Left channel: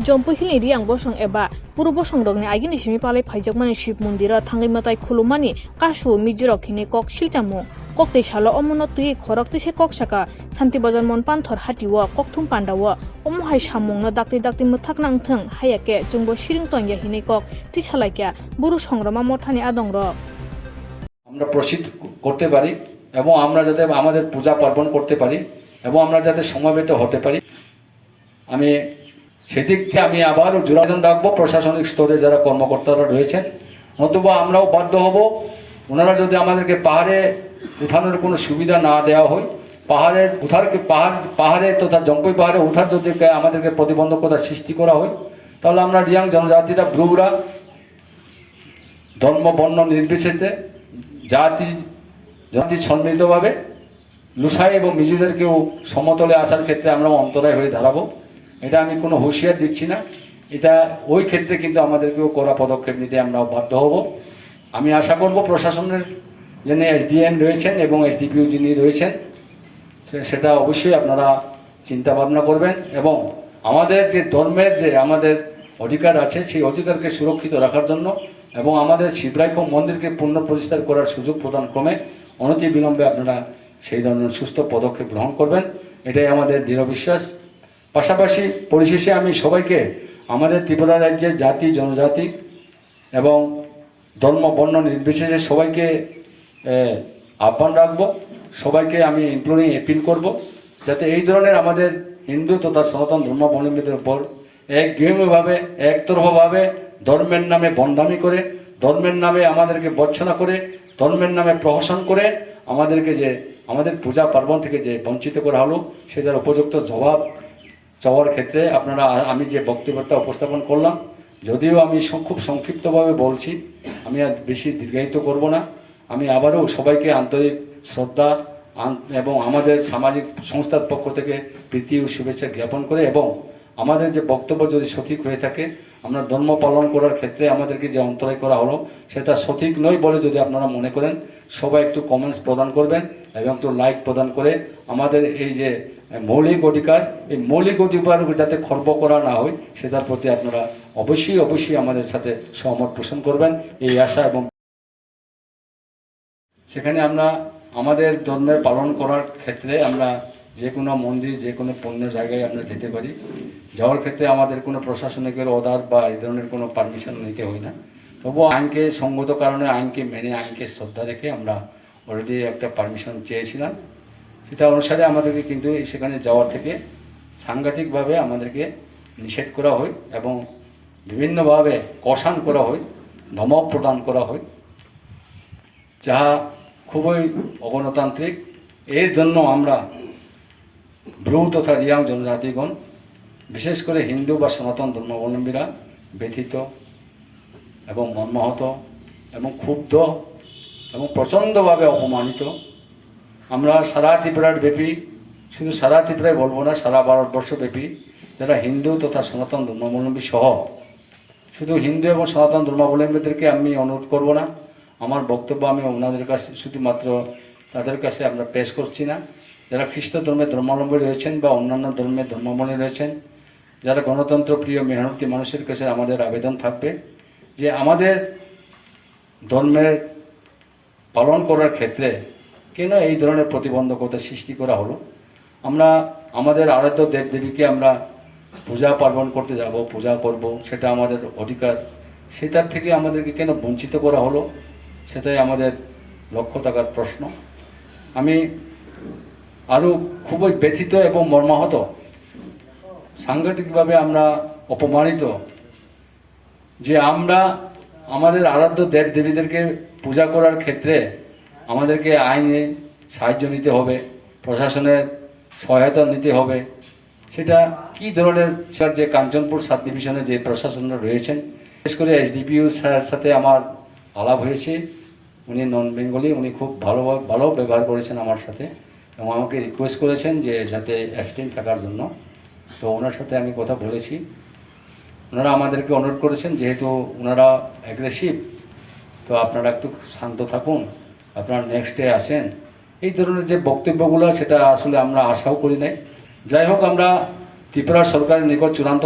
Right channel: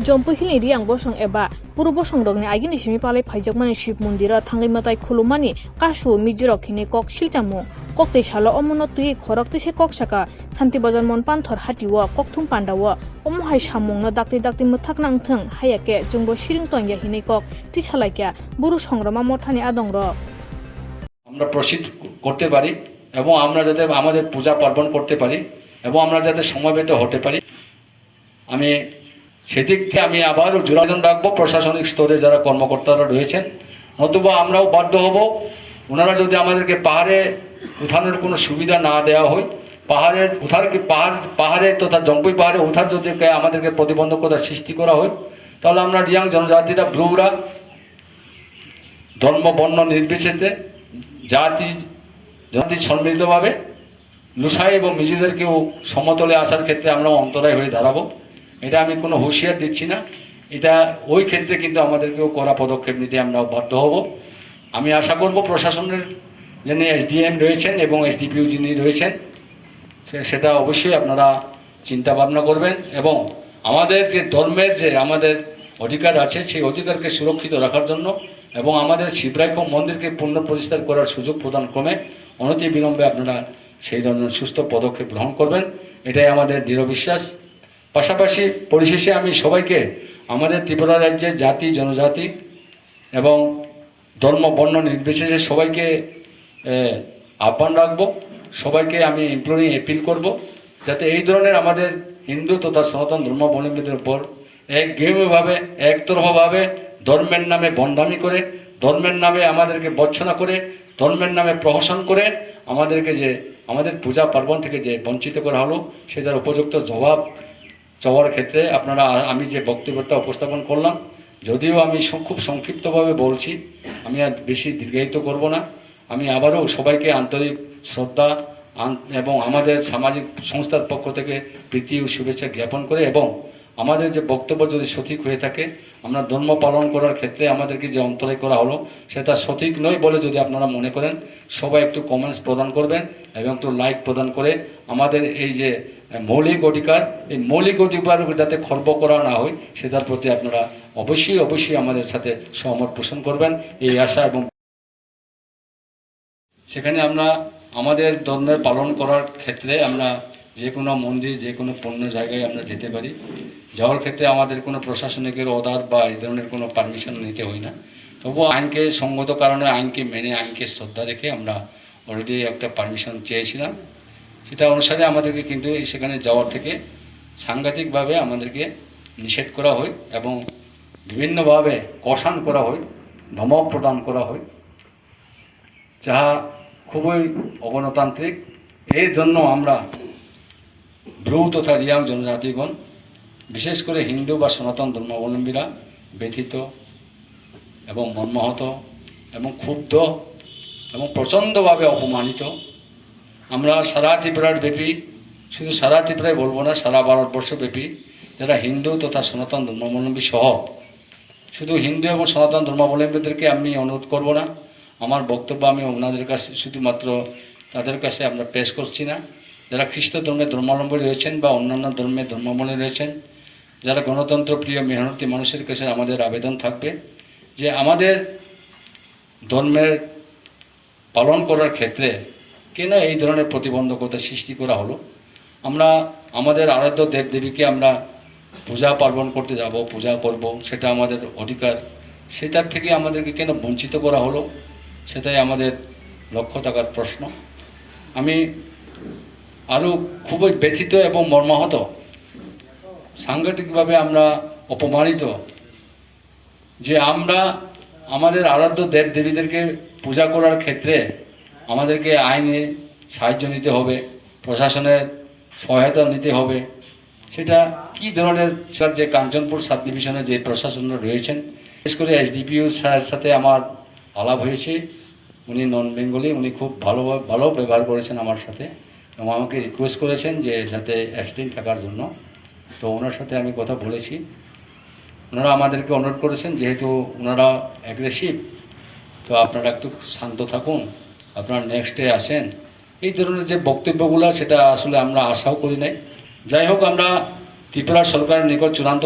Jompohilni riang bosong eba puru bosong dogni agini simi palai phaijakmani shiv mondira thangai matai khulumani kashu mijiro khini kok silchamu kokte shalo omono tui khorok tise kok saka santi bazar mon panthor hatiwa kokthum pandawa omohai samungno dakti muthakna angthang hayake jungbo shiring tongya hini kok tisalaikya buru songrama mothani adongro আমরা প্রসিদ্ধ করতে পারি এবং আমরা যাতে আমাদের পূজা পার্বণ করতে পারি এবং আমরা যাতে সমবেত হতে পারি আমি সেদিক থেকে আমি আবারও জোরাদান রাখবো প্রশাসনিক স্তরে যারা কর্মকর্তারা রয়েছেন নতুবা আমরাও বাধ্য হব ওনারা যদি আমাদেরকে পাহাড়ে উঠানোর কোনো সুবিধা না দেওয়া হয় পাহাড়ে তথা জম্পুই পাহাড়ে উঠার যদি আমাদেরকে প্রতিবন্ধকতা সৃষ্টি করা হয় তাহলে আমরা রিয়াং জনজাতিরা ব্রুরা ধর্ম বর্ণ নির্বিশেষে জাতি সম্মিলিতভাবে লুসাই এবং নিজেদেরকেও সমতলে আসার ক্ষেত্রে আমরা অন্তরায় হয়ে দাঁড়াবো এটা আমি কোনো হুঁশিয়ার দিচ্ছি না এটা ওই ক্ষেত্রে কিন্তু আমাদেরকেও কড়া পদক্ষেপ নিতে আমরা বাধ্য হব আমি আশা করব প্রশাসনের যিনি এসডিএম রয়েছেন এবং এসডিপিও যিনি রয়েছেন সেটা অবশ্যই আপনারা চিন্তা ভাবনা করবেন এবং আমাদের যে ধর্মের যে আমাদের অধিকার আছে সেই অধিকারকে সুরক্ষিত রাখার জন্য এবং আমাদের শিবরাইকম মন্দিরকে পুনঃপ্রতিষ্ঠা করার সুযোগ প্রদান ক্রমে অনতি বিলম্বে আপনারা সেই ধরনের সুস্থ পদক্ষেপ গ্রহণ করবেন এটাই আমাদের দৃঢ় বিশ্বাস পাশাপাশি পরিশেষে আমি সবাইকে আমাদের ত্রিপুরা রাজ্যের জাতি জনজাতি এবং ধর্ম বর্ণ নির্বিশেষে সবাইকে আহ্বান রাখবো সবাইকে আমি ইমপ্লোরিং অ্যাপিল করব যাতে এই ধরনের আমাদের হিন্দু তথা সনাতন ধর্মাবলম্বীদের উপর একঘেয়েমিভাবে একতরফাভাবে ধর্মের নামে বন্ধামি করে ধর্মের নামে আমাদেরকে বঞ্চনা করে ধর্মের নামে প্রহসন করে আমাদেরকে যে আমাদের পূজা পার্বণ থেকে যে বঞ্চিত করা হলো সেটার উপযুক্ত জবাব চাওয়ার ক্ষেত্রে আপনারা আমি যে বক্তব্যটা উপস্থাপন করলাম যদিও আমি খুব সংক্ষিপ্তভাবে বলছি আমি আর বেশি দীর্ঘায়িত করব না আমি আবারও সবাইকে আন্তরিক শ্রদ্ধা এবং আমাদের সামাজিক সংস্থার পক্ষ থেকে প্রীতি ও শুভেচ্ছা জ্ঞাপন করে এবং আমাদের যে বক্তব্য যদি সঠিক হয়ে থাকে আমরা ধর্ম পালন করার ক্ষেত্রে আমাদেরকে যে অন্তরায় করা হলো সেটা সঠিক নয় বলে যদি আপনারা মনে করেন সবাই একটু কমেন্টস প্রদান করবেন এবং একটু লাইক প্রদান করে আমাদের এই যে মৌলিক অধিকার এই মৌলিক অধিকার যাতে খর্ব করা না হয় সেটার প্রতি আপনারা অবশ্যই আমাদের সাথে সহমত পোষণ করবেন এই আশা এবং সেখানে আমরা আমাদের ধর্মের পালন করার ক্ষেত্রে আমরা যে কোনো মন্দির যে কোনো পণ্য জায়গায় আমরা যেতে পারি যাওয়ার ক্ষেত্রে আমাদের কোনো প্রশাসনিকের অর্ডার বা এই ধরনের কোনো পারমিশন নিতে হয় না তবুও আইনকে সঙ্গত কারণে আইনকে মেনে আইনকে শ্রদ্ধা রেখে আমরা অলরেডি একটা পারমিশন চেয়েছিলাম সেটা অনুসারে আমাদেরকে কিন্তু সেখানে যাওয়ার থেকে সাংঘাতিকভাবে আমাদেরকে নিষেধ করা হয় এবং বিভিন্নভাবে কষান করা হয় ধমক প্রদান করা হয় যাহা খুবই অগণতান্ত্রিক এর জন্য আমরা ব্রু তথা রিয়াং জনজাতিগণ বিশেষ করে হিন্দু বা সনাতন ধর্মাবলম্বীরা ব্যথিত এবং মর্মাহত এবং ক্ষুব্ধ এবং প্রচণ্ডভাবে অপমানিত আমরা সারা ত্রিপুরার ব্যাপী শুধু সারা ত্রিপুরায় বলবো না সারা ভারতবর্ষব্যাপী যারা হিন্দু তথা সনাতন ধর্মাবলম্বী সহ শুধু হিন্দু এবং সনাতন ধর্মাবলম্বীদেরকে আমি অনুরোধ করব না আমার বক্তব্য আমি ওনাদের কাছে শুধুমাত্র তাদের কাছে আমরা পেশ করছি না যারা খ্রিস্ট ধর্মের ধর্মাবলম্বী রয়েছেন বা অন্যান্য ধর্মের ধর্মাবলম্বী রয়েছেন যারা গণতন্ত্র প্রিয় মেহনতি মানুষের কাছে আমাদের আবেদন থাকবে যে আমাদের ধর্মের পালন করার ক্ষেত্রে কেন এই ধরনের প্রতিবন্ধকতা সৃষ্টি করা হলো আমরা আমাদের আরাধ্য দেবদেবীকে আমরা পূজা পার্বণ করতে যাব পূজা করব সেটা আমাদের অধিকার সেটার থেকে আমাদেরকে কেন বঞ্চিত করা হলো সেটাই আমাদের লক্ষ্য থাকার প্রশ্ন আমি আরও খুবই ব্যথিত এবং মর্মাহত সাংঘাতিকভাবে আমরা অপমানিত যে আমরা আমাদের আরাধ্য দেবদেবীদেরকে পূজা করার ক্ষেত্রে আমাদেরকে আইনে সাহায্য নিতে হবে প্রশাসনের সহায়তা নিতে হবে সেটা কি ধরনের যে কাঞ্চনপুর সাব ডিভিশনে যে প্রশাসনরা রয়েছেন বিশেষ করে এসডিপিও স্যারের সাথে আমার আলাপ হয়েছে উনি নন বেঙ্গলি উনি খুব ভালো ব্যবহার করেছেন আমার সাথে এবং আমাকে রিকোয়েস্ট করেছেন যে যাতে অ্যাবস্টেইন থাকার জন্য তো ওনার সাথে আমি কথা বলেছি ওনারা আমাদেরকে অনুরোধ করেছেন যেহেতু ওনারা অ্যাগ্রেসিভ তো আপনারা একটু শান্ত থাকুন আপনারা নেক্সট ডে আসেন এই ধরনের যে বক্তব্যগুলো সেটা আসলে আমরা আশাও করি নাই যাই হোক আমরা ত্রিপুরা সরকারের নিকট চূড়ান্ত